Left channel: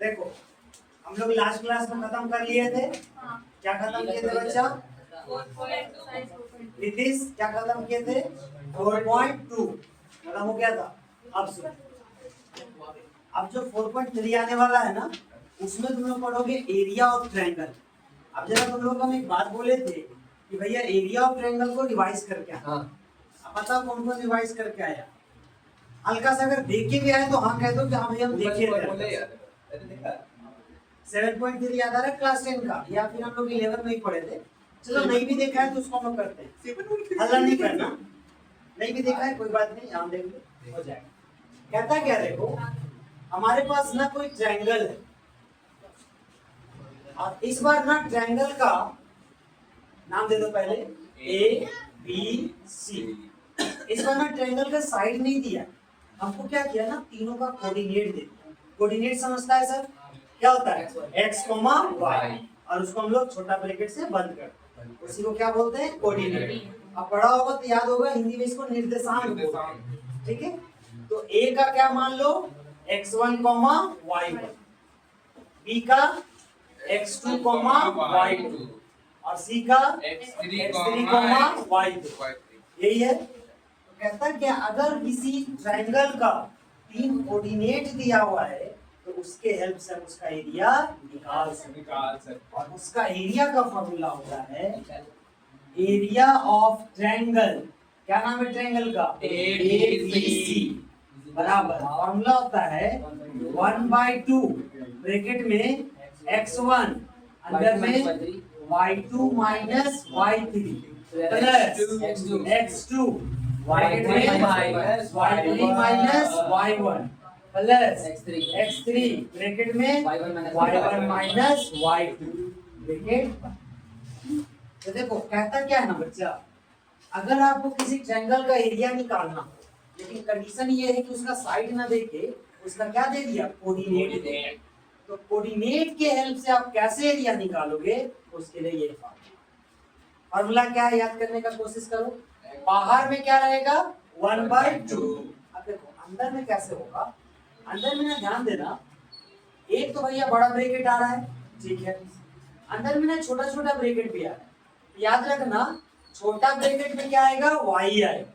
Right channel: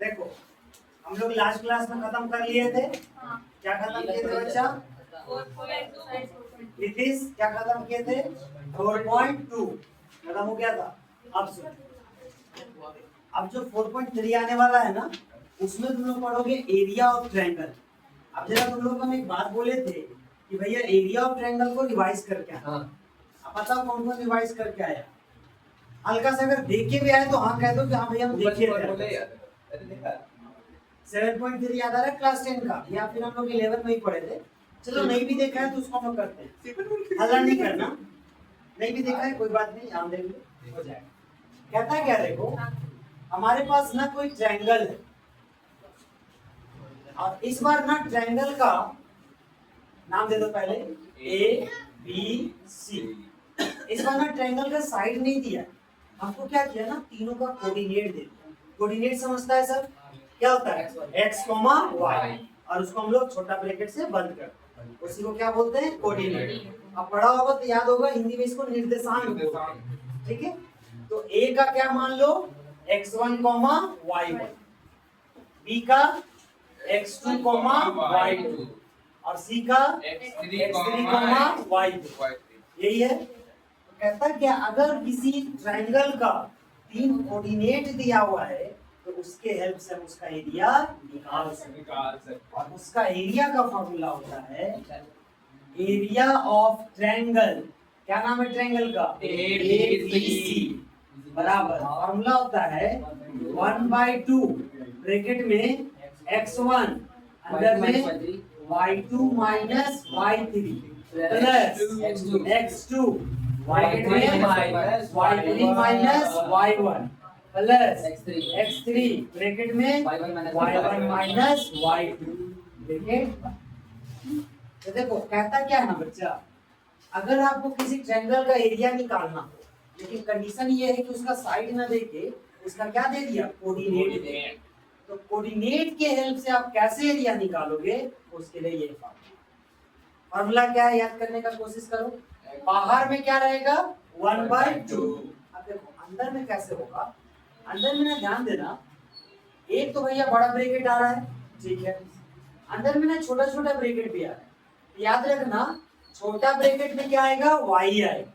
देखो हम लोग लास्ट क्लास में खत्म कर लिए थे। क्या खत्म किए थे बच्चा? नीतीश क्या खत्म किए थे? 4.2 खत्म हो गया था। अब सुन, अब जो 4.3 आने वाला है ना, उसमें तुम लोग पढ़ोगे एरिया ऑफ ट्रायंगल। अब जरा तुम लोग हम एक बात बोले थे कि भैया एरिया ऑफ ट्रायंगल को रिवाइज करके आया। अब बताओ कौन कौन रिवाइज करके आया? हल्का से अगर देख के भी आए तो हाँ कह दो कि हाँ भैया हम देखे थे। 7.3 याद आ रहा है क्लास 10 का, या फिर हम लोग 11 में ही पढ़े थे। चलो नहीं भी देखा है तो उसको हम करते हैं, हल्ला नहीं करना। नहीं भी देखा है कोई बात नहीं, हम देख लो हो जाएगा। कहता है क्या, देखो हमारे पास ना कोई ट्रायंगल है, और इस बार ना ट्रायंगल का नाम दे दो पहले ए बी सी। इस बार ना ट्रायंगल का साइड नहीं दिया, हमको क्या किया ना, तीनों का कोऑर्डिनेट दे दिया। कोऑर्डिनेट समझता है सर? क्या होता है? x, y, और उसको हम लोग छोटा ब्रैकेट से बंद करते हैं, उसी को क्या बोलते हैं? कोऑर्डिनेट। अब पढ़ा होगा तो याद होगा, हिंदी में इसको निर्देशांक बोलते हैं। ठीक है, तो a का क्या मान लो x1, y1, b का x2, y2, और c का x3, y2। यही है। तो कहता है क्या, अगर किसी ट्रायंगल का 3 कोऑर्डिनेट दिया हुआ है तो उसके हेल्प से हम उसका एरिया निकाल सकते। और उसका एरिया का फॉर्मूला होता है एरिया ऑफ ट्रायंगल। क्या नाम है ट्रायंगल का? ABC बराबर फॉर्मूला होता है 1/2 ब्रैकेट में x1 अंदर में y2 minus y3 plus x2 bracket में y3 minus y1 plus x3 bracket में y1 माइनस y2 ब्रैकेट। तो देखो कहता क्या है ना बच्चा, अगर आपको किसी ट्रायंगल का एरिया निकालना, लेकिन कंडीशन ये है कि उसका साइड ना देके उसका क्या दे दिया? कोऑर्डिनेट दे दिया। तो कोऑर्डिनेट के हेल्प से आप कैसे एरिया निकालोगे, उसके लिए ये फॉर्मूला क्या है याद करने का कोशिश करो। बाहर में क्या रहेगा? 1/2। अब देखो अंदर में कैसे होगा, अंदर में ना ध्यान देना, एक तो भैया बड़ा ब्रैकेट आ रहा है, ठीक है, अंदर में ना छोटा छोटा ब्रैकेट भी आ रहा है। याद रखना, छोटा ब्रैकेट में क्या आएगा? y आएगा,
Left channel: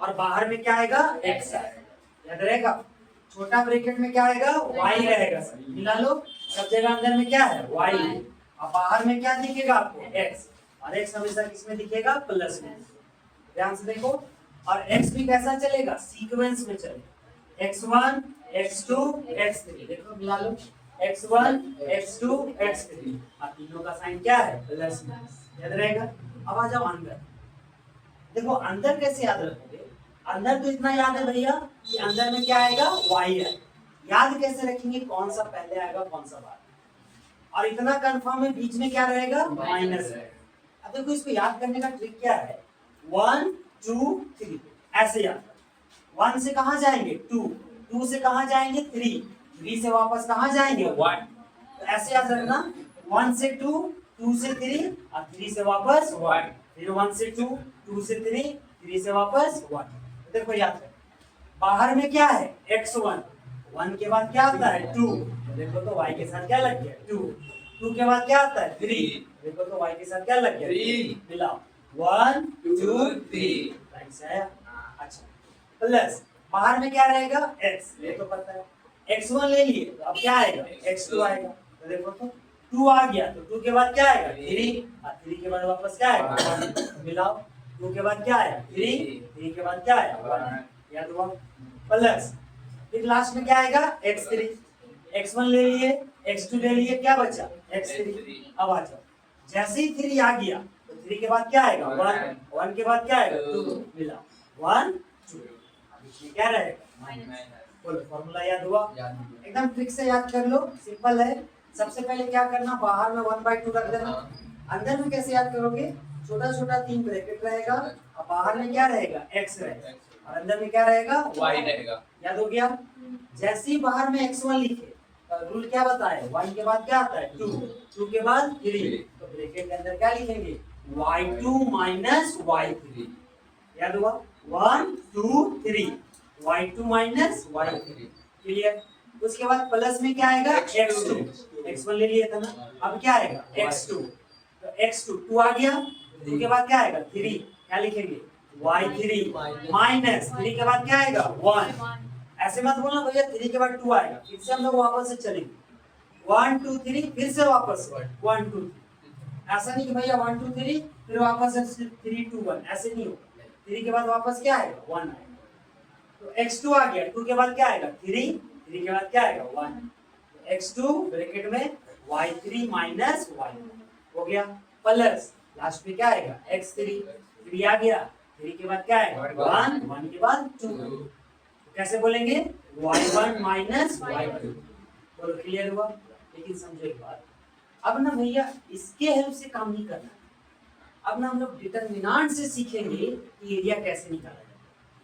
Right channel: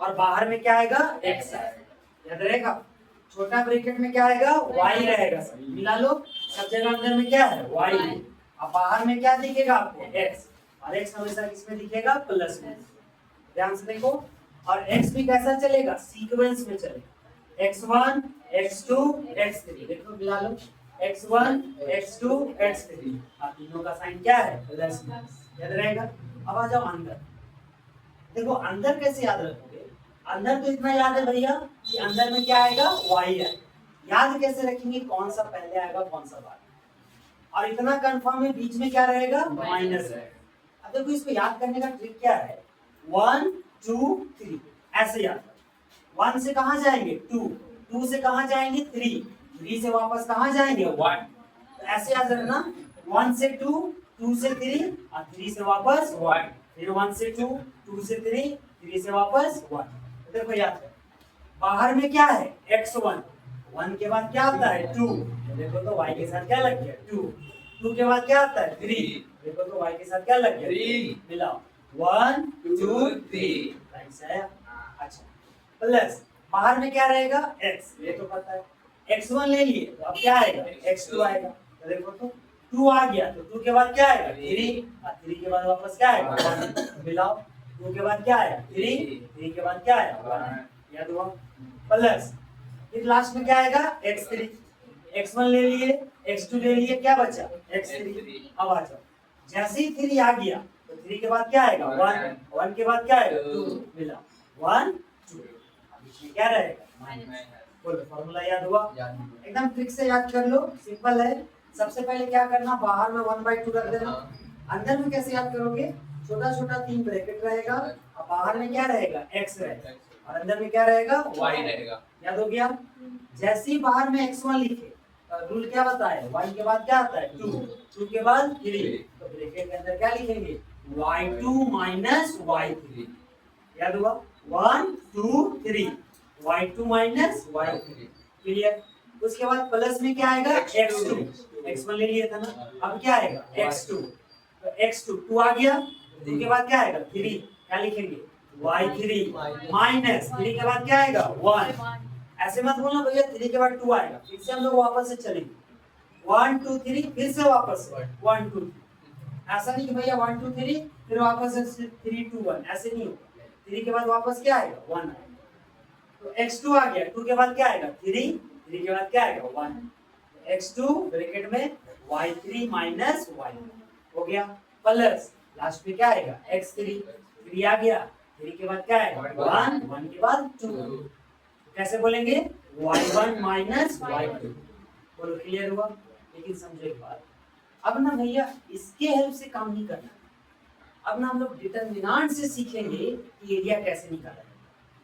और बाहर में क्या आएगा? x आएगा। याद रहेगा, छोटा ब्रैकेट में क्या आएगा? y रहेगा। मिला लो, सब जगह अंदर में क्या है? y है, और बाहर में क्या दिखेगा आपको? x, और x हमेशा किसमें दिखेगा? प्लस में। ध्यान से देखो, और x भी कैसा चलेगा? सीक्वेंस में चलेगा, x1 x2 x3। देखो मिला लो, x1 x2 x3, और तीनों का साइन क्या है? प्लस में। याद रहेगा। अब आ जाओ अंदर। देखो अंदर कैसे याद रखोगे? अंदर तो इतना याद है भैया कि अंदर में क्या आएगा? y आएगा। याद कैसे रखेंगे कौन सा पहले आएगा कौन सा बाद? और इतना कंफर्म है बीच में क्या रहेगा? माइनस रहेगा। अब देखो इसको याद करने का ट्रिक क्या है? 1 2 3 ऐसे याद। 1 से कहां जाएंगे? 2, 2 से कहां जाएंगे? 3, 3 से वापस कहां जाएंगे? 1। तो ऐसे याद रखना, 1 से 2, 2 से 3, और 3 से वापस 1, फिर 1 से 2, 2 से 3, 3 से वापस 1। तो देखो याद है, बाहर में क्या है? x1, 1 के बाद क्या आता है? 2। देखो तो y के साथ क्या लग गया? 2, 2 के बाद क्या आता है? 3। देखो तो y के साथ क्या लग गया? 3। मिलाओ, 1 2 3। अच्छा, प्लस बाहर में क्या रहेगा? x, ये तो पता है। x1 ले लिए तो अब क्या आएगा? x2 आएगा। तो देखो तो 2 आ गया, तो 2 के बाद क्या आएगा? 3, और 3 के बाद वापस क्या आएगा? 1। मिलाओ, 2 के बाद क्या आएगा? 3, 3 के बाद क्या आएगा? 1। याद हुआ? प्लस फिर लास्ट में क्या आएगा? x3। x1 ले लिए, x2 ले लिए, क्या बचा? x3। अब आ जाओ, जैसे ही 3 आ गया तो 3 के बाद क्या आएगा? 1, 1 के बाद क्या आएगा? 2। मिला 1 2। अब इसमें क्या रहेगा? बोलो, फॉर्मूला याद हुआ? एकदम ट्रिक से याद कर लो, सिंपल है। सबसे पहले क्या करना, बाहर में 1/2 रख देना। अंदर में कैसे याद करोगे? छोटा छोटा 3 ब्रैकेट रहेगा, और बाहर में क्या रहेगा? x रहेगा, और अंदर में क्या रहेगा? y रहेगा। याद हो गया? जैसे ही बाहर में x1 लिखे, रूल क्या बताया? 1 के बाद क्या आता है? 2, 2 के बाद 3, तो ब्रैकेट के अंदर क्या लिखेंगे? y2 minus y3। याद हुआ? 1 2 3, y2 माइनस y3। क्लियर? उसके बाद प्लस में क्या आएगा x2, x1 ले लिया था ना, अब क्या आएगा x2, तो x2 2 आ गया, उसके बाद क्या आएगा 3, क्या लिखेंगे y3 माइनस 3 के बाद क्या आएगा 1। ऐसे मत बोलना भैया 3 के बाद 2 आएगा, फिर से हम लोग वापस से चलेंगे 1 2 3 फिर से वापस 1 2 3, ऐसा नहीं कि भैया 1 2 3 फिर वापस से 3 2 1, ऐसे नहीं होगा। 3 के बाद वापस क्या आएगा 1 आएगा, तो x2 आ गया, 2 के बाद क्या आएगा 3, 3 के बाद क्या आएगा 1, x2 ब्रैकेट में y3 माइनस y हो गया, प्लस लास्ट में क्या आएगा x3, 3 आ गया, 3 के बाद क्या आएगा 1, 1 के बाद 2, कैसे बोलेंगे y1 माइनस y2, बोलो क्लियर हुआ। लेकिन समझो एक बात, अब ना भैया इसके हेल्प से काम नहीं करना, अब ना हम लोग डिटरमिनेंट से सीखेंगे कि एरिया कैसे निकाला जाए।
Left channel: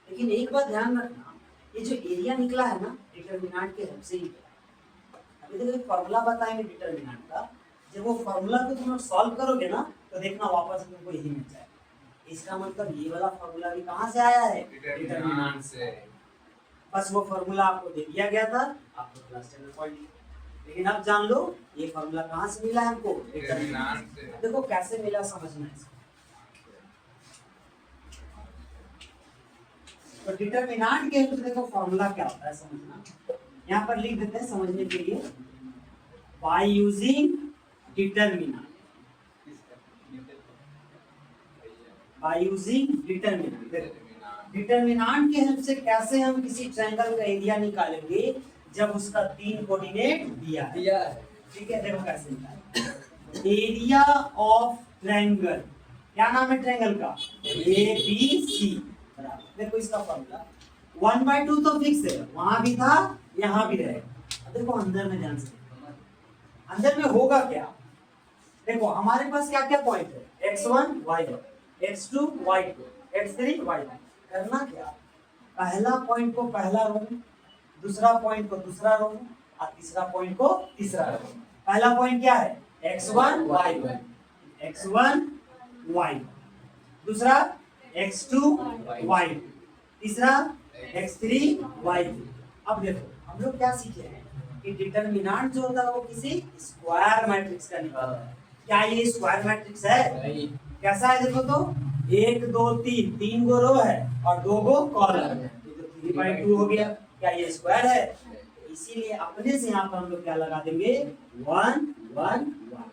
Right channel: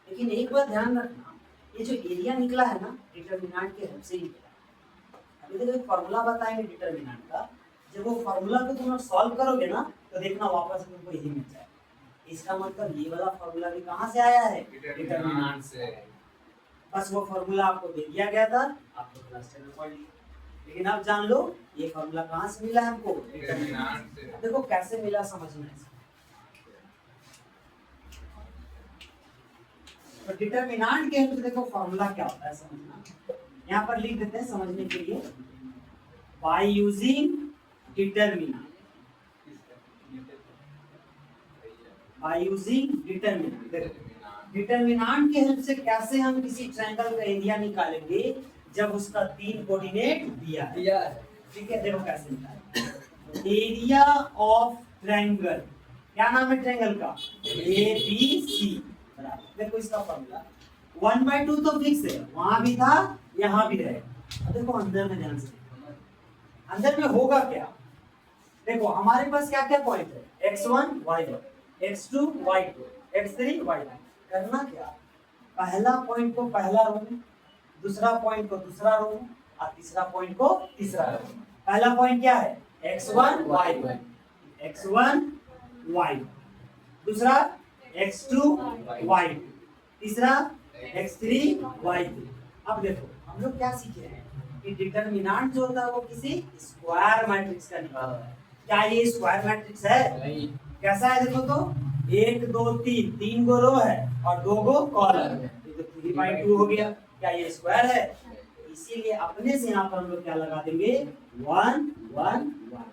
लेकिन एक बात ध्यान रखना, ये जो एरिया निकला है ना डिटरमिनेंट के हेल्प से ही निकला। अभी तक एक फॉर्मूला बताएंगे डिटरमिनेंट का, जब वो फॉर्मूला को तुम लोग सॉल्व करोगे ना तो देखना वापस तुमको यही मिल जाएगा। इसका मतलब ये वाला फॉर्मूला भी कहाँ से आया है डिटरमिनेंट से, बस वो फॉर्मूला आपको दे दिया गया था, आपको क्लास 10 में पढ़ लिया। लेकिन अब जान लो ये फॉर्मूला कहाँ से मिला हमको डिटरमिनेंट से। देखो कैसे मिला समझना है, तो डिटरमिनेंट के लिए देखो फॉर्मूला क्या होता है समझना, यहाँ पर लिख देते हैं समझने के लिए, by using determinant, by using determinant. Determinant के हेल्प से कैसे हम किसी ट्रायंगल का एरिया निकालेंगे जब उसका 3 कोऑर्डिनेट दिया है, ठीक है। देखो कैसे निकालेंगे, एरिया ऑफ ट्रायंगल, क्या नाम है ट्रायंगल का ABC, देखो इसका फॉर्मूला 1/2 तो फिक्स है, वहां भी था यहाँ भी रहेगा। देखो अंदर में ध्यान से, अंदर में होगा क्या, देखो हमारे पास क्या क्या पॉइंट है x1 y1 x2 y2 x3 y3, करना क्या, पहला पॉइंट को पहला रो में, दूसरा पॉइंट को दूसरा रो में और तीसरा पॉइंट को तीसरा रो में। पहला पॉइंट क्या है x1 y1 x1 y, दूसरा x2 y2, तीसरा x3 y3। अब देखो हम लोग क्या सीखे हैं कि डिटरमिनेंट जो होता है वो किसी स्क्वायर मैट्रिक्स का निकालता है। क्या ये स्क्वायर मैट्रिक्स है? कैसा है देखो तो, 1 2 3, 3 गो रो है और 2 गो कॉलम है, ये तो 3/2 हो गया। क्या ये स्क्वायर है? इसीलिए अपने से यहाँ पर हम लोग क्या लगा देंगे 1 1 1,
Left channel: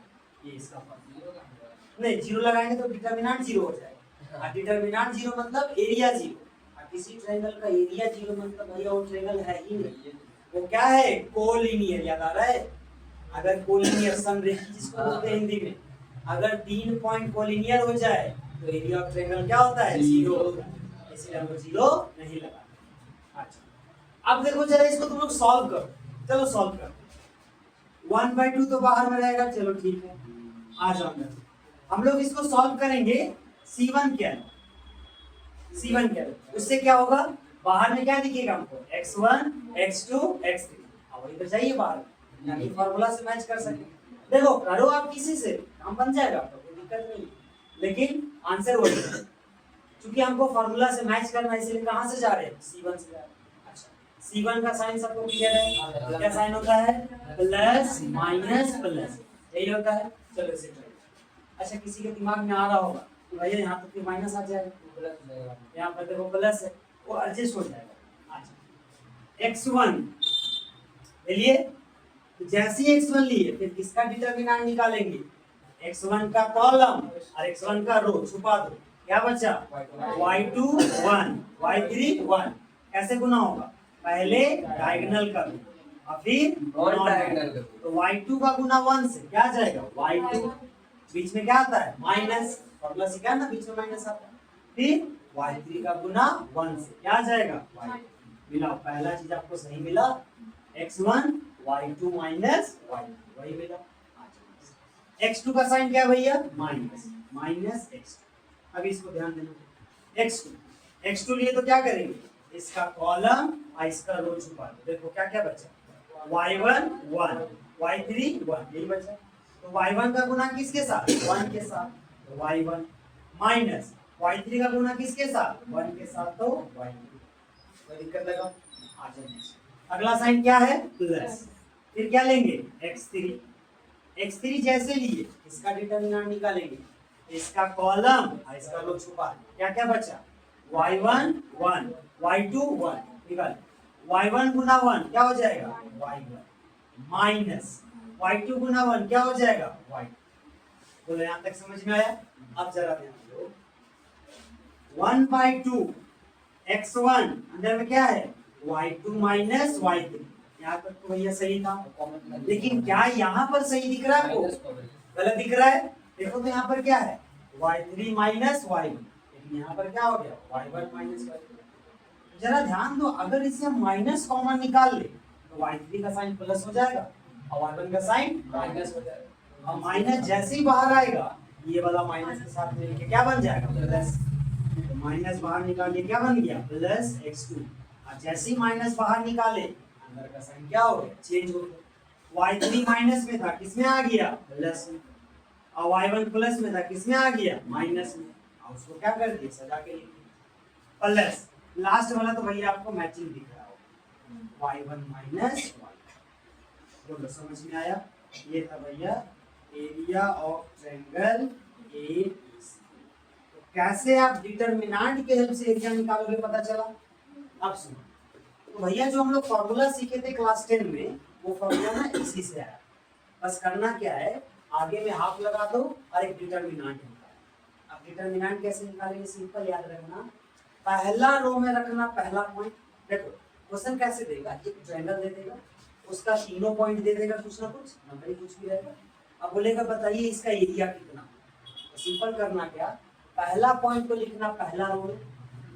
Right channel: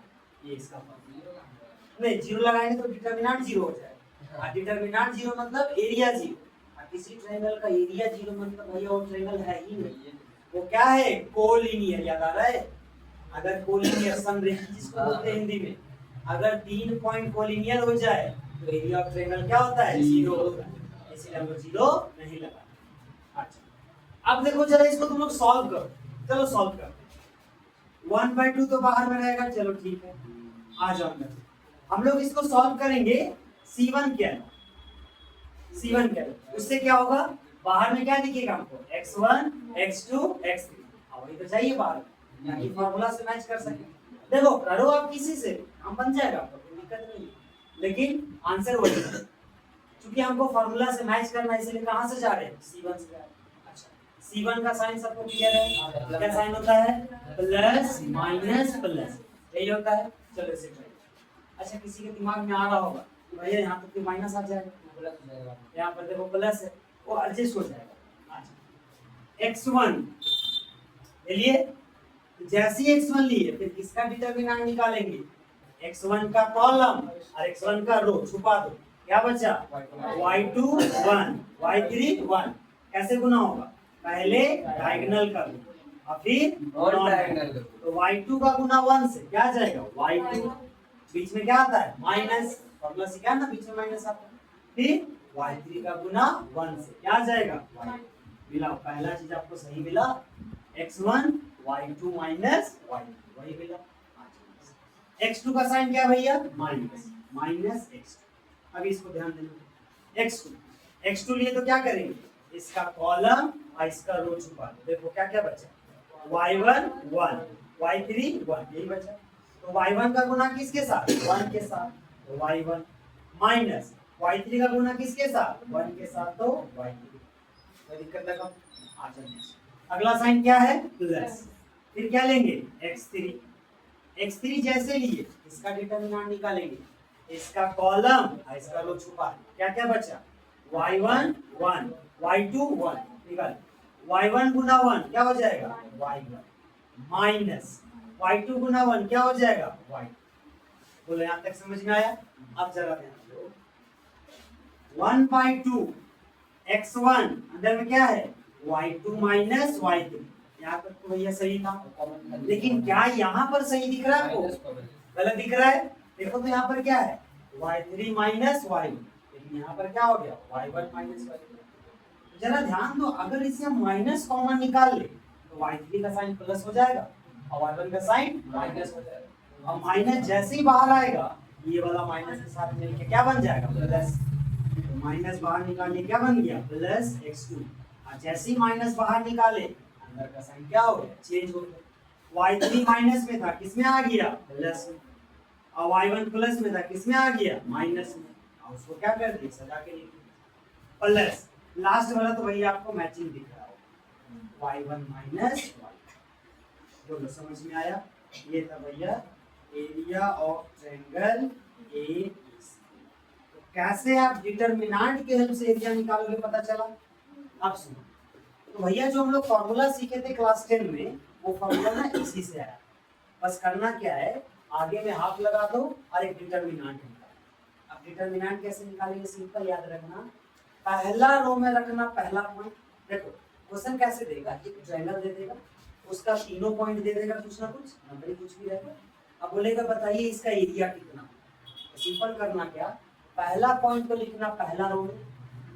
ये इसका फॉर्मूला। नहीं जीरो लगाएंगे तो डिटरमिनेंट जीरो हो जाएगा, और डिटरमिनेंट जीरो मतलब एरिया जीरो, और किसी ट्रायंगल का एरिया जीरो मतलब भैया वो ट्रायंगल है ही नहीं, वो क्या है कोलिनियर। याद आ रहा है, अगर कोलिनियर समरेखी जिसको बोलते हैं हिंदी में, अगर 3 पॉइंट कोलिनियर हो जाए तो एरिया ऑफ ट्रायंगल क्या होता है जीरो होता है, इसलिए हम जीरो नहीं लगा। अच्छा अब देखो जरा इसको तुम लोग सॉल्व करो, चलो सॉल्व करो। 1/2 तो बाहर में रहेगा, चलो ठीक है आ जाओ अंदर। हम लोग इसको सॉल्व करेंगे, C1 क्या है, C1 क्या है, उससे क्या होगा बाहर में क्या दिखेगा हमको x1 x2 x3, वही तो चाहिए बाहर ताकि फार्मूला से मैच कर सके। देखो करो आप किसी से काम बन जाएगा, आपको कोई दिक्कत नहीं, लेकिन आंसर वही है। क्योंकि हमको फार्मूला से मैच करना है इसलिए कहां से जा रहे हैं C1 से जा रहे हैं। अच्छा C1 का साइन सबको क्लियर है, क्या साइन होता है प्लस माइनस प्लस, यही होता है। चलो इसे करें। अच्छा किसी के दिमाग में आ रहा होगा कि भैया यहाँ पर तो माइनस आ जाएगा, यहाँ पर देखो प्लस है, वो एडजस्ट हो जाएगा। अच्छा x1 ले लिए, जैसे ही x1 लिए फिर किसका डिटरमिनेंट निकालेंगे, x1 का कॉलम और x1 का रो छुपा दो, क्या बचा y2 1 y3 1। कैसे गुना होगा, पहले डायगोनल का और फिर नॉन डायगोनल, तो y2 का गुना 1 से क्या आ जाएगा y2, बीच में क्या आता है माइनस, फॉर्मूला सीखा ना बीच में माइनस आता है, फिर y3 का गुना 1 से क्या आ जाएगा y, मिला पहला चीज आपको सही मिला, x1 y2 माइनस y2 वही मिला। x2 का साइन क्या भैया माइनस माइनस x2। अब इसको ध्यान देना, x2 लिए तो क्या करेंगे, इसका कॉलम और इसका रो छुपा दो। देखो क्या क्या बचा y1 1 y3 1, यही बचा। तो y1 का गुना किसके साथ 1 के साथ, तो y1 माइनस y3 का गुना किसके साथ 1 के साथ, तो y2। कोई दिक्कत लगा आ जाए। अगला साइन क्या है प्लस, फिर क्या लेंगे x3, x3 जैसे लिए इसका डिटरमिनेंट निकालेंगे, इसका कॉलम और इसका रो छुपा, क्या क्या बचा y1 1 y2 1 निकाल, y1 गुना 1 क्या हो जाएगा y1 माइनस y2 गुना 1 क्या हो जाएगा y, बोलो यहाँ तक समझ में आया। अब जरा ध्यान दो 1/2 x1 अंदर में क्या है y2 माइनस y3, यहाँ तक तो भैया सही था, लेकिन क्या यहाँ पर सही दिख रहा है आपको, गलत दिख रहा है। देखो तो यहाँ पर क्या है y3 माइनस y1, लेकिन यहाँ पर क्या हो गया y1 माइनस y3। जरा ध्यान दो, अगर इसे हम माइनस कॉमन निकाल ले तो y3 का साइन प्लस हो जाएगा और y1 का साइन माइनस हो जाएगा, और माइनस जैसे ही बाहर आएगा ये वाला माइनस के साथ मिलके क्या बन जाएगा प्लस, तो माइनस बाहर निकालने क्या बन गया प्लस x2, और जैसे ही माइनस बाहर निकाले अंदर का साइन क्या हो गया चेंज हो गया, y3 माइनस में था किसमें आ गया प्लस में, और y1 प्लस में था किसमें आ गया माइनस में, और उसको क्या कर दिया सजा के लिख दिया प्लस, लास्ट वाला तो भैया आपको मैचिंग दिख रहा हो y1 माइनस y, दोनों समझ में आया। ये था भैया एरिया ऑफ ट्रायंगल ABC। तो कैसे आप डिटरमिनेंट के हेल्प से एरिया निकालोगे पता चला। अब सुनो, तो भैया जो हम लोग फॉर्मूला सीखे थे क्लास 10 में वो फॉर्मूला ना इसी से आया, बस करना क्या है आगे में हाफ लगा दो और एक डिटरमिनेंट निकालो। अब डिटरमिनेंट कैसे निकालेंगे सिंपल याद रखना, पहला रो में रखना पहला पॉइंट। देखो क्वेश्चन कैसे देगा, एक ट्रायंगल दे देगा उसका तीनों पॉइंट दे देगा, कुछ ना कुछ नंबर कुछ भी रहेगा, अब बोलेगा बताइए इसका एरिया कितना, तो सिंपल करना क्या पहला पॉइंट को लिखना पहला रो में,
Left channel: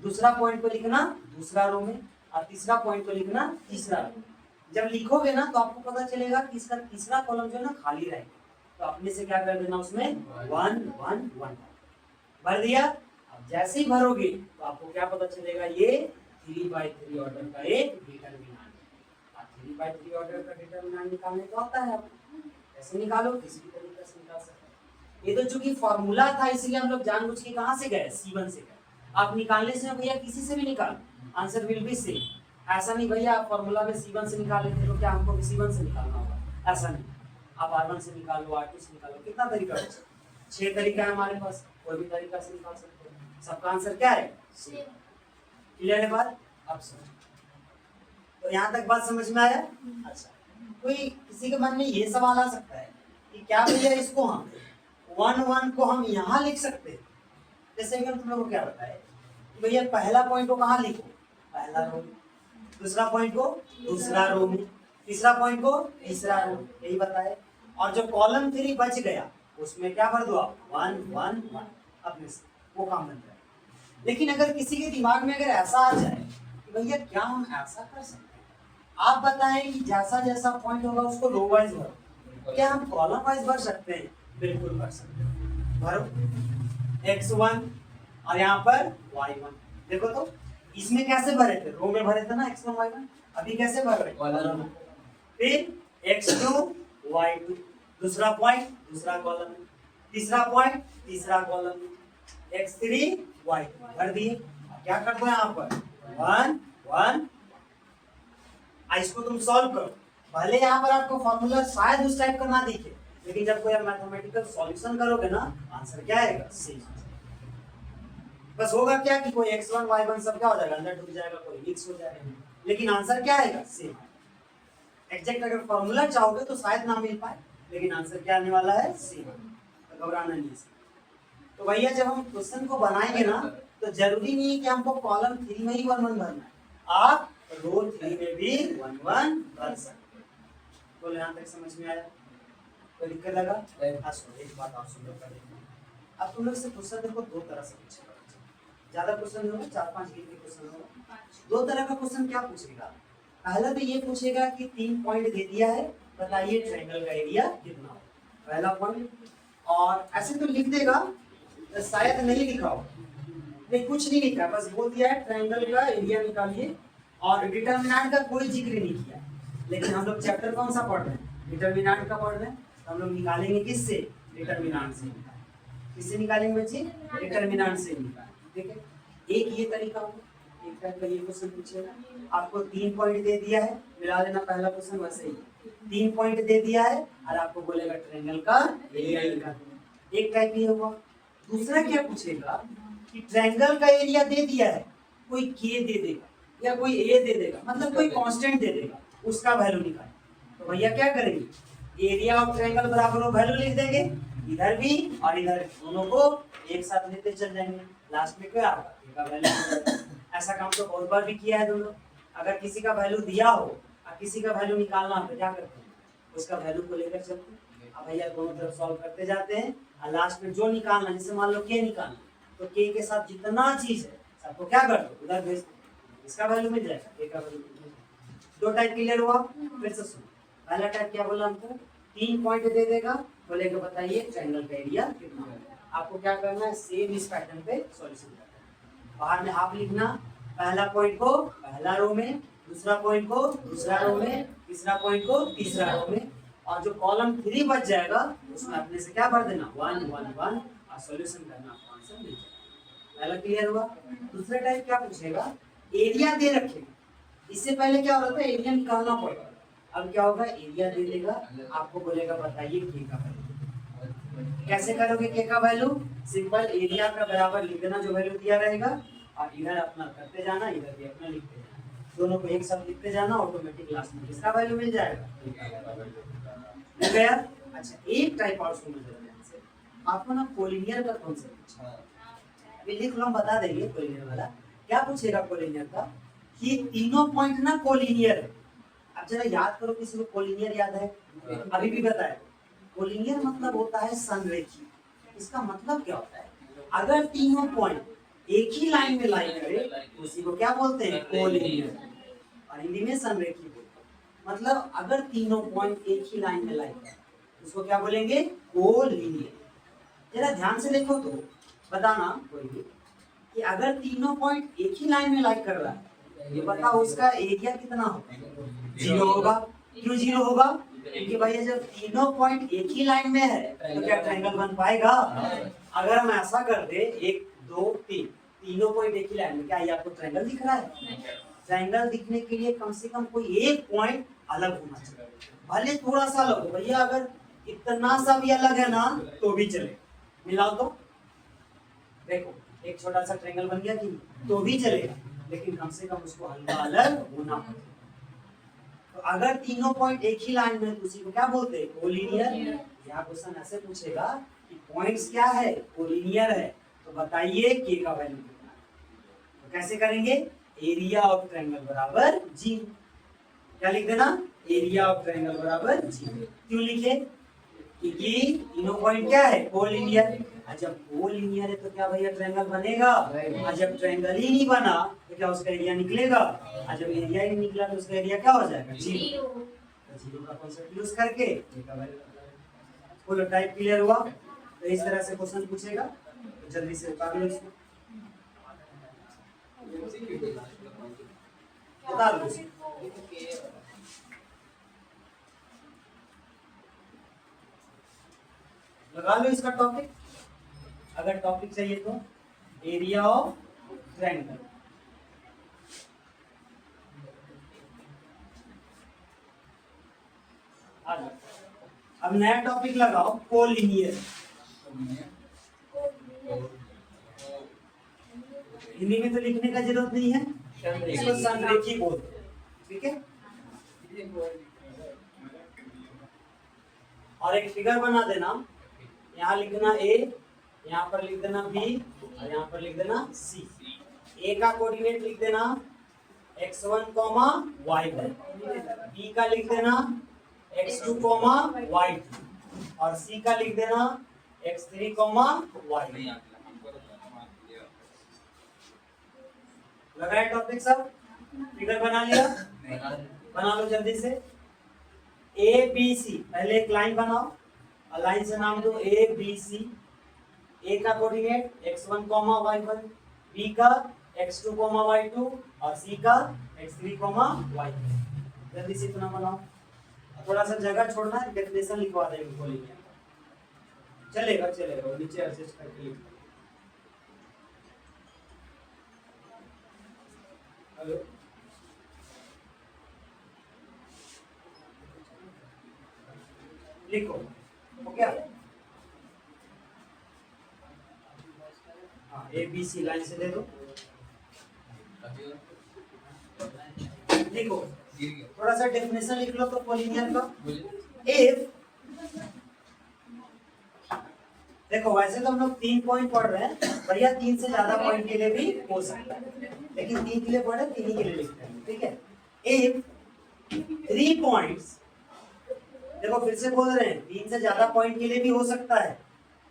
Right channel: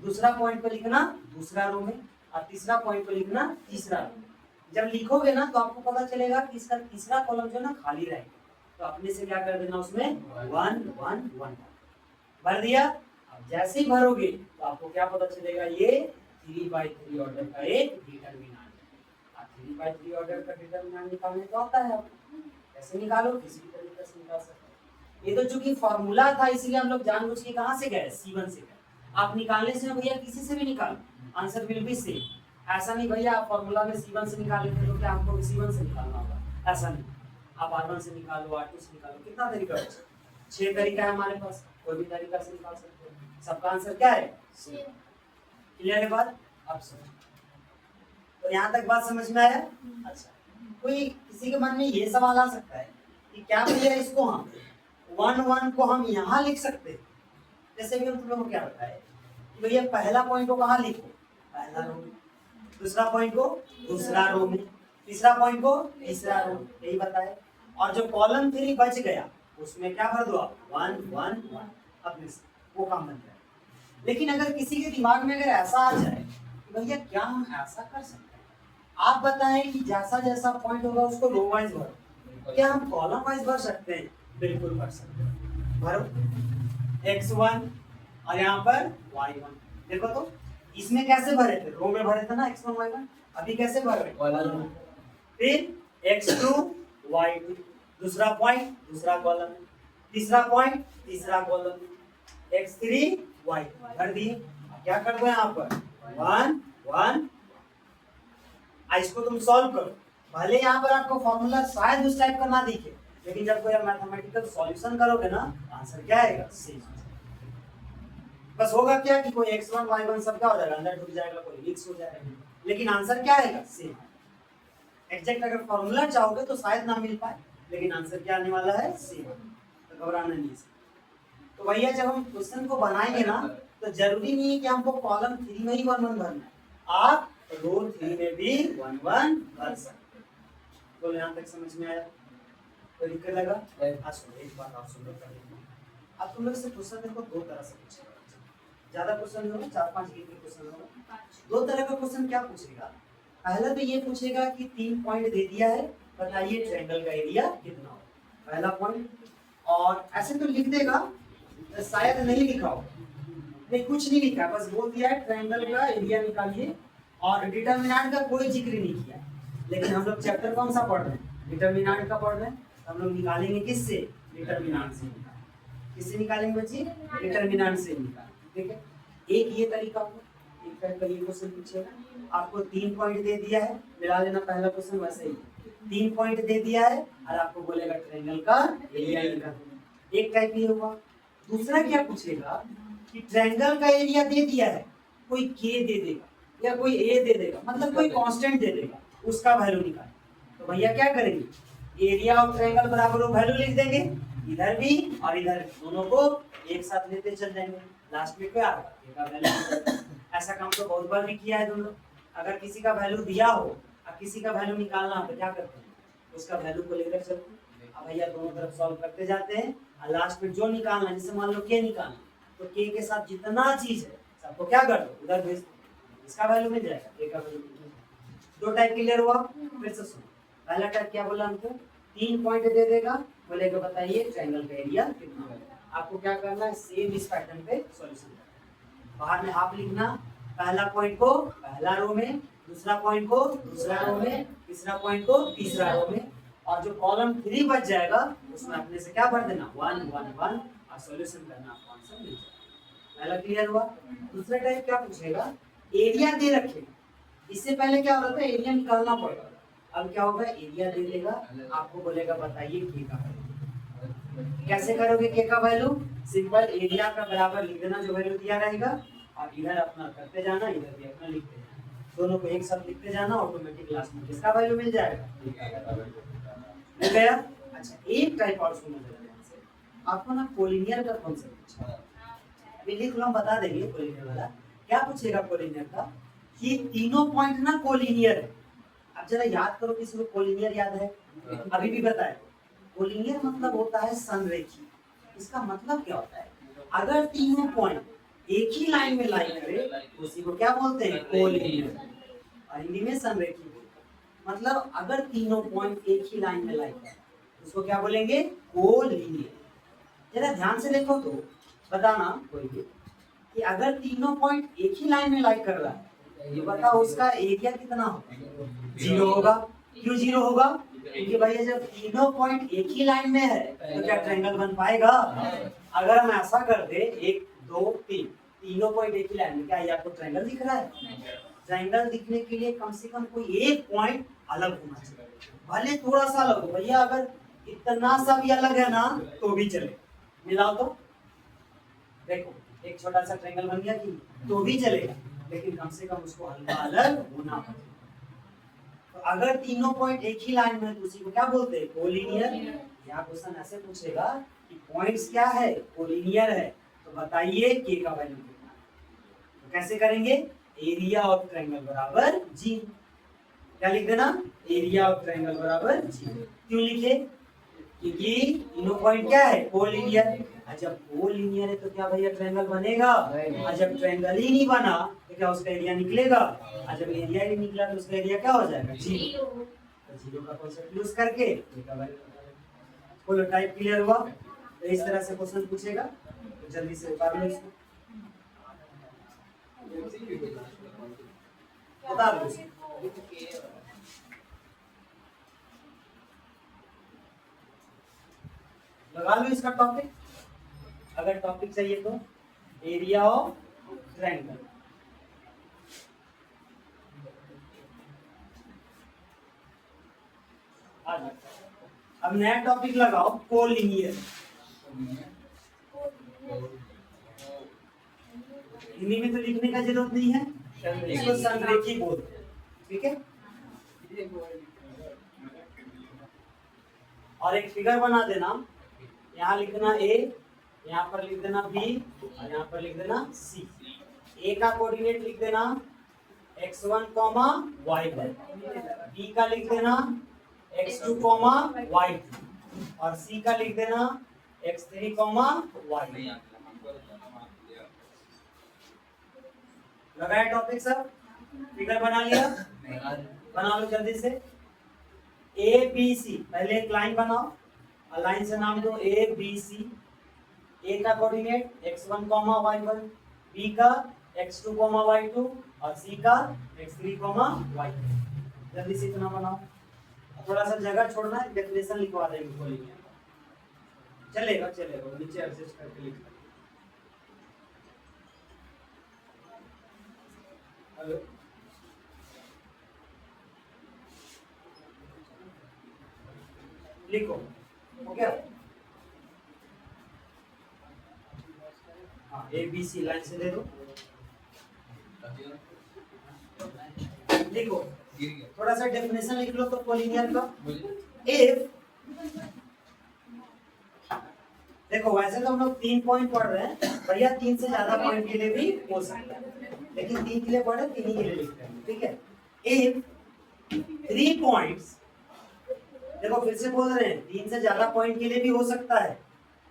दूसरा पॉइंट को लिखना दूसरा रो में, और तीसरा पॉइंट को लिखना तीसरा रो में। जब लिखोगे ना तो आपको पता चलेगा कि इसका तीसरा कॉलम जो है ना खाली रहेगा, तो अपने से क्या कर देना उसमें 1 1 1 भर दिया। अब जैसे ही भरोगे तो आपको क्या पता चलेगा ये 3/3 ऑर्डर का एक डिटरमिनेंट है। आप 3/3 ऑर्डर का डिटरमिनेंट निकालने को आता है, आपको कैसे निकालो किसी भी तरीके से निकाल सकते हैं। ये तो चूंकि फॉर्मूला था इसलिए हम लोग जानबूझ के कहां से गए C1 से गए, आप निकालने से भैया किसी से भी निकालो आंसर विल बी सेम, ऐसा नहीं भैया आप फॉर्मूला में C1 से निकाल लेते हो क्या हमको C1 से निकालना होगा, ऐसा नहीं, आप R1 से निकालो R2 से निकालो, कितना तरीका है 6 तरीका है हमारे पास, कोई भी तरीका से निकाल सकते हो, सबका आंसर क्या है सेम। क्लियर है बात। अब समझ तो यहाँ तक बात समझ में आया। अच्छा कोई किसी के मन में ये सवाल आ सकता है कि क्या भैया इसको हम 1 1 को हम यहाँ लिख सकते हैं, जैसे कि हम तुम लोगों को क्या बताया कि भैया पहला पॉइंट को कहाँ लिखो पहला रो में, दूसरा पॉइंट को दूसरा रो में, तीसरा पॉइंट को तीसरा रो में, यही बताया। और जो कॉलम 3 बच गया उसमें क्या भर दो आप 1 1 1 अपने से, वो काम बन जाए। लेकिन अगर किसी के दिमाग में अगर ऐसा आ जाए कि भैया क्या हम ऐसा कर सकते हैं, आप बताएं कि जैसा जैसा पॉइंट होगा उसको रो वाइज भरो, क्या हम कॉलम वाइज भर सकते हैं, बिल्कुल भर सकते हैं। भरो x1 और यहाँ पर y1, देखो तो इसमें कैसे भरे थे रो में भरे थे ना x1 y1, अभी कैसे भर रहे कॉलम में, फिर x2 y2 दूसरा पॉइंट दूसरा कॉलम में, तीसरा पॉइंट तीसरा कॉलम में, x3 y2 भर दिए। क्या कर दो यहाँ पर 1 1, इसको तुम सॉल्व करो, भले यहाँ पर आपको फॉर्मूला शायद उस टाइप का ना दिखे, लेकिन जब कोई मैथमेटिकल सॉल्यूशन करोगे ना आंसर क्या आएगा सेम। बस होगा क्या कि कोई x1 y1 सब क्या हो जाएगा अंदर डूब जाएगा, कोई मिक्स हो जाएगा, लेकिन आंसर क्या आएगा सेम। एग्जैक्ट अगर फॉर्मूला चाहोगे तो शायद ना मिल पाए, लेकिन आंसर क्या आने वाला है सेम, तो घबराना नहीं। तो भैया जब हम क्वेश्चन को बनाएंगे ना तो जरूरी नहीं है कि हमको कॉलम 3 में ही 1 1 भरना है, आप रो 3 में भी 1 1 भर सकते हैं। तो यहाँ तक समझ में आया, कोई दिक्कत लगा। एक बात आप सुन लो, अब तुम लोग से क्वेश्चन देखो दो तरह से पूछेगा, ज्यादा क्वेश्चन नहीं होगा 4-5 गिनती के क्वेश्चन होगा। दो तरह का क्वेश्चन क्या पूछेगा, पहला तो ये पूछेगा कि 3 पॉइंट दे दिया है बताइए ट्रायंगल का एरिया कितना हो, पहला पॉइंट, और ऐसे तो लिख देगा तो शायद नहीं लिखा हो, नहीं कुछ नहीं लिखा, बस बोल दिया है ट्रायंगल का एरिया निकालिए, और डिटरमिनेंट का कोई जिक्र नहीं किया। लेकिन हम लोग चैप्टर कौन सा पढ़ रहे हैं डिटरमिनेंट का पढ़ रहे हैं, हम लोग निकालेंगे किससे डिटरमिनेंट से, किससे निकालेंगे बच्चे डिटरमिनेंट से निकालेंगे। ठीक है, एक ये तरीका हो, एक टाइप का ये क्वेश्चन पूछेगा। आपको 3 पॉइंट दे दिया है, मिला लेना पहला क्वेश्चन वैसे ही, 3 पॉइंट दे दिया है और आपको बोलेगा ट्रायंगल का एरिया निकालना। एक टाइप ये होगा। दूसरा क्या पूछेगा कि ट्रायंगल का एरिया दे दिया है, कोई के दे देगा या कोई ए दे देगा, मतलब कोई कांस्टेंट दे देगा, उसका वैल्यू निकाल। तो भैया क्या करेंगे, एरिया ऑफ ट्रायंगल बराबर वो वैल्यू लिख देंगे, इधर भी और इधर दोनों को एक साथ लेते चल जाएंगे, लास्ट में क्या का वैल्यू। ऐसा काम तो बहुत बार भी किया है तुम लोग। अगर किसी का वैल्यू दिया हो और किसी का वैल्यू निकालना हो तो क्या करते हैं, उसका वैल्यू को लेकर चलते हैं। अब भैया दोनों तरफ सॉल्व करते जाते हैं और लास्ट में जो निकालना, जैसे मान लो के निकालना, तो के के साथ जितना चीज है सबको क्या कर दो उधर भेज दो, इसका वैल्यू मिल जाएगा, के का वैल्यू मिल जाएगा। दो टाइप क्लियर हुआ। फिर से सुनो, पहला टाइप क्या बोला हमको, 3 पॉइंट दे देगा, बोलेगा बताइए ट्रायंगल का एरिया कितना है। आपको क्या करना है, सेम इस पैटर्न पे सॉल्यूशन करना है। बाहर में हाफ लिखना, पहला पॉइंट को पहला रो में, दूसरा पॉइंट को दूसरा रो में, तीसरा पॉइंट को तीसरा रो में, और जो कॉलम 3 बच जाएगा उसमें अपने से क्या भर देना 1 1 1 और सॉल्यूशन करना, आंसर मिल जाएगा। पहला क्लियर हुआ। दूसरा टाइप क्या पूछेगा, एरिया दे रखेगा। इससे पहले क्या होता था, एरिया निकालना पड़ेगा। अब क्या होगा, एरिया दे देगा, आपको बोलेगा बताइए के का वैल्यू। कैसे करोगे के का वैल्यू, सिंपल एरिया का बराबर लिख देना जो वैल्यू दिया रहेगा, और इधर अपना करते जाना, इधर भी अपना लिखते जाना, दोनों को एक साथ लिखते जाना, ऑटोमेटिक लास्ट में इसका वैल्यू मिल जाएगा। मिल गया। अच्छा एक टाइप और सुनो जरा ध्यान से, आपको ना कोलिनियर का कॉन्सेप्ट पूछा है, अभी लिख लो, हम बता देंगे कोलिनियर वाला क्या पूछेगा। कोलिनियर का कि तीनों पॉइंट ना कोलिनियर है। अब जरा याद करो, किसी को कोलिनियर याद है, अभी भी बताए। कोलिनियर मतलब होता है संरेखी। इसका मतलब क्या होता है, अगर तीनों पॉइंट एक ही लाइन में लाई करे तो उसी को क्या बोलते हैं, कोलिनियर। और हिंदी में संरेखी बोलते हैं। मतलब अगर तीनों पॉइंट एक ही लाइन में लाई करे उसको क्या बोलेंगे, कोलिनियर। जरा ध्यान से देखो तो बताना कोई भी कि अगर तीनों पॉइंट एक ही लाइन में लाई कर रहा है, ये बताओ उसका एरिया कितना होगा, 0 होगा। क्यों 0 होगा, क्योंकि भैया जब तीनों पॉइंट एक ही लाइन में है तो क्या ट्रायंगल बन पाएगा। अगर हम ऐसा कर दे 1 2 3 तीनों पॉइंट एक ही लाइन में, क्या ये आपको ट्रायंगल दिख रहा है। ट्रायंगल दिखने के लिए कम से कम कोई एक पॉइंट अलग होना चाहिए, भले थोड़ा सा अलग हो। भैया अगर इतना सा भी अलग है ना तो भी चले, मिलाओ तो देखो एक छोटा सा ट्रायंगल बन गया कि तो भी चलेगा, लेकिन कम से कम उसको हल्का अलग होना। तो अगर तीनों पॉइंट एक ही लाइन में तो उसी को क्या बोलते हैं, कोलिनियर। यहाँ क्वेश्चन ऐसे पूछेगा कि पॉइंट्स क्या है, कोलिनियर है, तो बताइए के का वैल्यू कितना है। तो कैसे करेंगे, एरिया ऑफ ट्रायंगल बराबर जी, क्या लिख देना, एरिया ऑफ ट्रायंगल बराबर जी। क्यों लिखे, क्योंकि तीनों पॉइंट क्या है, कोलिनियर। जब कोलिनियर है तो क्या भैया ट्रायंगल बनेगा, और जब ट्रायंगल ही नहीं बना तो क्या उसका एरिया निकलेगा, और जब एरिया ही निकला तो उसका एरिया क्या हो जाएगा, 0। तो 0 का कॉन्सेप्ट यूज करके बोलो टाइप क्लियर हुआ। तो इस तरह से क्वेश्चन पूछेगा, तो जल्दी से उतार लो इसको, उतार लो इसको। लगा लो इसका टॉपिक, अगर टॉपिक चाहिए तो एरिया ऑफ ट्रायंगल। अब नया टॉपिक लगाओ, कोलिनियर। हिंदी में तो लिखने का जरूरत नहीं है, इसको संरेखी बोलते हैं, ठीक है। और एक फिगर बना देना, यहाँ लिखना ए, यहाँ पर लिख देना बी, और यहाँ पर लिख देना सी। ए का कोऑर्डिनेट लिख देना x1, y1, बी का लिख देना x2, y2, और सी का लिख देना x3, y3। लगाया टॉपिक सब, फिगर बना लिया, बना लो जल्दी से। ए बी सी, पहले एक लाइन बनाओ, लाइन से नाम दो ए बी सी। ए का कोऑर्डिनेट x1, y1, बी का x2, y2, और सी का x3, y3। जल्दी से इतना बनाओ, थोड़ा सा जगह छोड़ना है, डेफिनेशन लिखवा देंगे बोलेंगे, चलेगा चलेगा, नीचे एडजस्ट करके लिख। हेलो लिखो हो गया। हाँ ए बी सी लाइन से दे दो लिखो। थोड़ा सा डेफिनेशन लिख लो तो कोलिनियर का। इफ देखो वैसे तो हम लोग 3 पॉइंट पढ़ रहे हैं भैया, 3 से ज्यादा पॉइंट के लिए भी हो सकता है, लेकिन 3 के लिए पढ़े 3 ही के लिए लिखते हैं, ठीक है। इफ 3 पॉइंट्स, देखो फिर से बोल रहे हैं 3 से ज्यादा पॉइंट के लिए भी हो सकता है,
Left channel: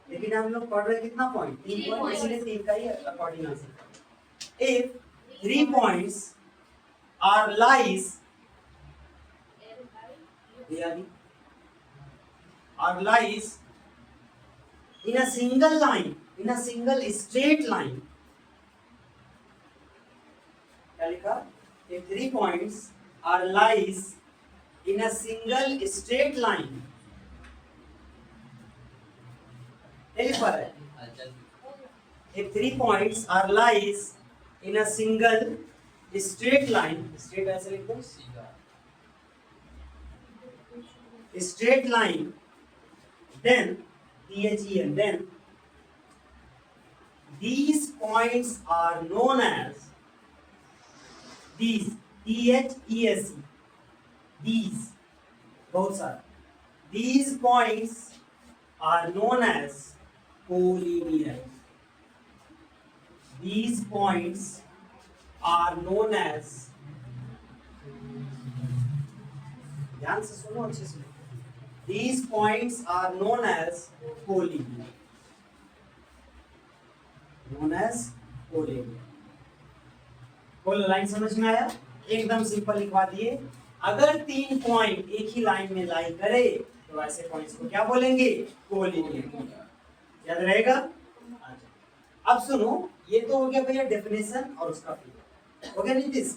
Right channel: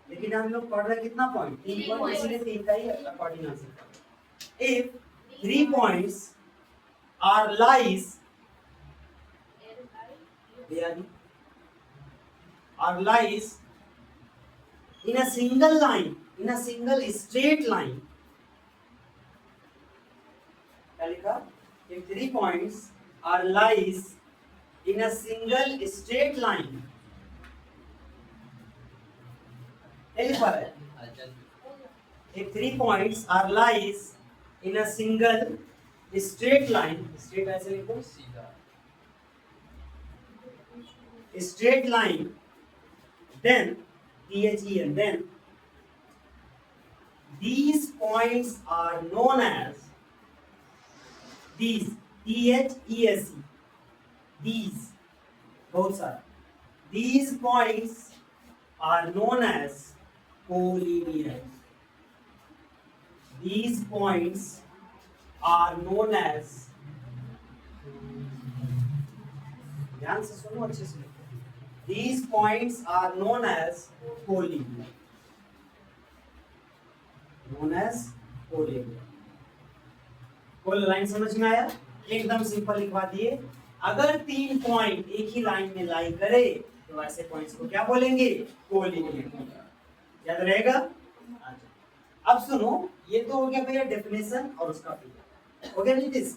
लेकिन हम लोग पढ़ रहे कितना पॉइंट, 3 पॉइंट, इसलिए 3 का ही according answer. If 3 points are lies in a single line, in a single straight line, क्या लिखा? If 3 points are lies in a single straight line, क्या लिखा है? If 3 points are lies in a single straight line, straight ऐसे लिखो, straight line, then then these points are known as these these both are, these points are known as collinear. These points are known as, ध्यान से सुनो अच्छे से, these points are known as collinear. Collinear समझ में आया? एकदम simple लिखवा दिए। अगर 3 पॉइंट एक ही लाइन में लाई करे तो ऐसे पॉइंट्स को क्या बोलेंगे? कोलिनियर। याद रहेगा? अब सुनो, ये तो हो गया भैया डेफिनेशन और उसका फिगर हो गया। नीतीश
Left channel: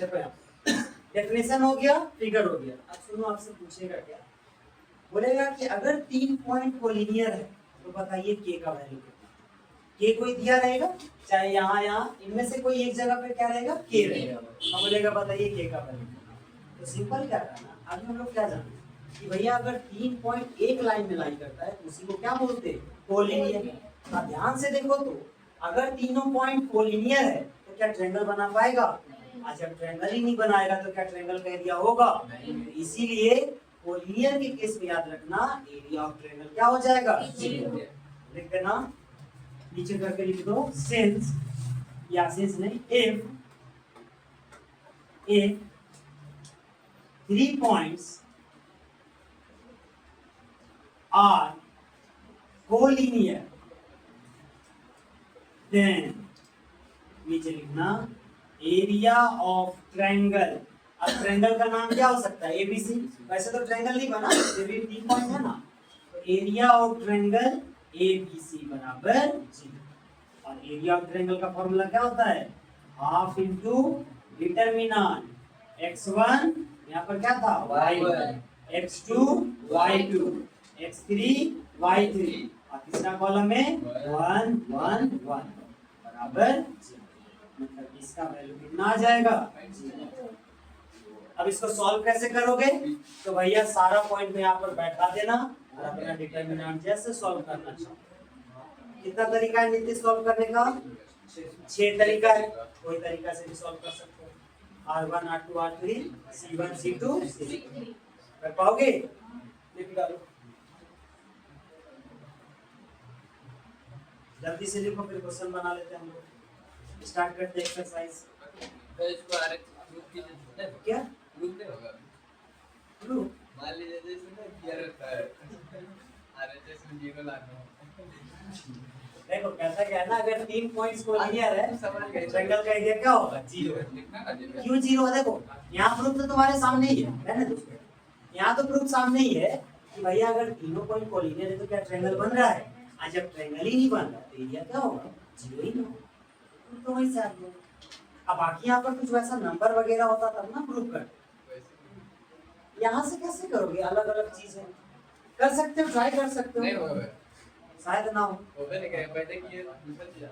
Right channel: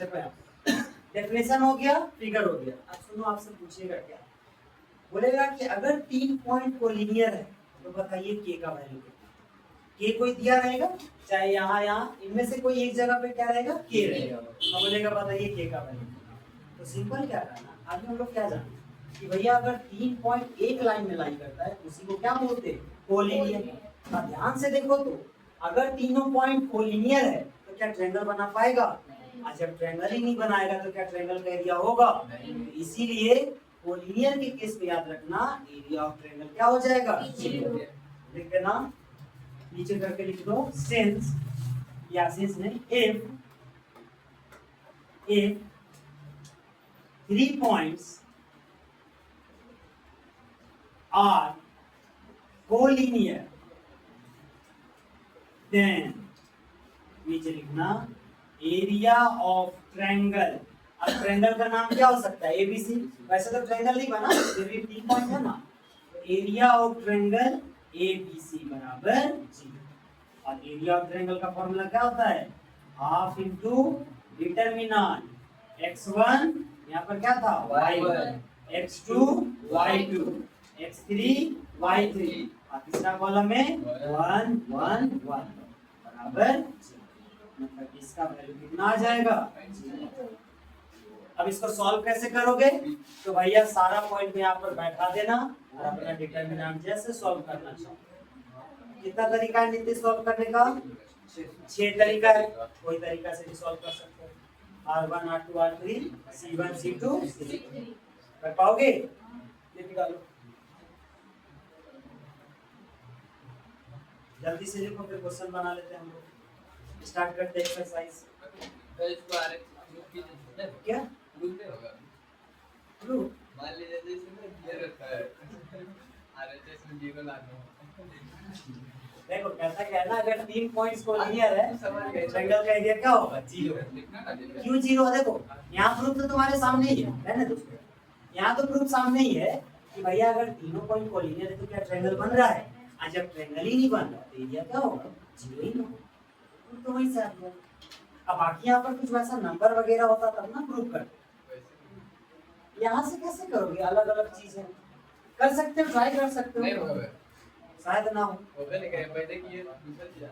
देखो, डेफिनेशन हो गया, फिगर हो गया। अब सुनो, आपसे पूछेगा क्या, बोलेगा कि अगर 3 पॉइंट कोलिनियर है तो बताइए के का वैल्यू कितना। के कोई दिया रहेगा, चाहे यहाँ इनमें से कोई एक जगह पे क्या रहेगा? के रहेगा। अब बोलेगा बताइए के का वैल्यू कितना। तो सिंपल क्या करना, अभी हम लोग क्या जानते कि भैया अगर 3 पॉइंट एक लाइन में लाई करता है उसी को क्या बोलते हैं? कोलिनियर। अब ध्यान से देखो तो अगर तीनों पॉइंट कोलिनियर है तो क्या ट्रायंगल बना पाएगा? आज जब ट्रायंगल ही नहीं बनाएगा तो क्या ट्रायंगल का एरिया होगा? इसीलिए कोलिनियर के केस में याद रखना, एरिया ऑफ ट्रायंगल क्या हो जाएगा? लिख देना, नीचे करके लिख दो, सिंस या सिंस नहीं, if 3 points are collinear, then नीचे लिखना एरिया ऑफ ट्रायंगल। अब ट्रायंगल का नाम क्या हो सकता है? एबीसी। वैसे तो ट्रायंगल नहीं बना, फिर भी 3 पॉइंट है ना, तो एरिया ऑफ ट्रायंगल एबीसी बराबर 0। और एरिया ऑफ ट्रायंगल का फॉर्मूला क्या होता है? हाफ इंटू डिटरमिनेंट x1, यहाँ पर क्या था? y1, x2 y2, x3 y3, और तीसरा कॉलम में 1 1 1 बराबर 0। मतलब इसका वैल्यू कितना आ जाएगा? 0। अब इसको सॉल्व कैसे करोगे? तो भैया सारा पॉइंट में यहाँ पर बैठा देना और अपना डिटरमिनेंट जैसे सॉल्व करना चाहो। कितना तरीका है नीति सॉल्व करने का? 6 तरीका है, कोई तरीका से भी सॉल्व कर सकते हो। R1 R2 R3 C1 C2 C3 कर पाओगे? लिख डालो, जल्दी से लिखो, फिर क्वेश्चन बना लेते हैं हम लोग। स्टार्ट करते हैं एक्सरसाइज। क्या ग्रुप? मान लीजिए जैसे गियर होता है आरएचएस में जीरो लाना हो। देखो कैसा क्या है ना, अगर 3 पॉइंट्स को क्लियर है ट्रायंगल का एरिया क्या होगा? 0। क्यों 0 है? देखो यहाँ प्रूफ तो तुम्हारे सामने ही है ना दोस्तों, यहाँ तो प्रूफ सामने ही है कि भैया अगर तीनों पॉइंट कोलिनियर है तो क्या ट्रायंगल बन रहा है? आज जब ट्रायंगल ही नहीं बन रहा तो एरिया क्या होगा? 0 ही ना, तो वही से आ गया। अब बाकी यहाँ पर कुछ वैसा नंबर वगैरह होता तब ना प्रूफ करते, यहाँ से कैसे करोगे? अलग अलग चीजें कर सकते हो, ट्राई कर सकते हो, नहीं होगा शायद ना हो। नहीं, पहले किए दूसरा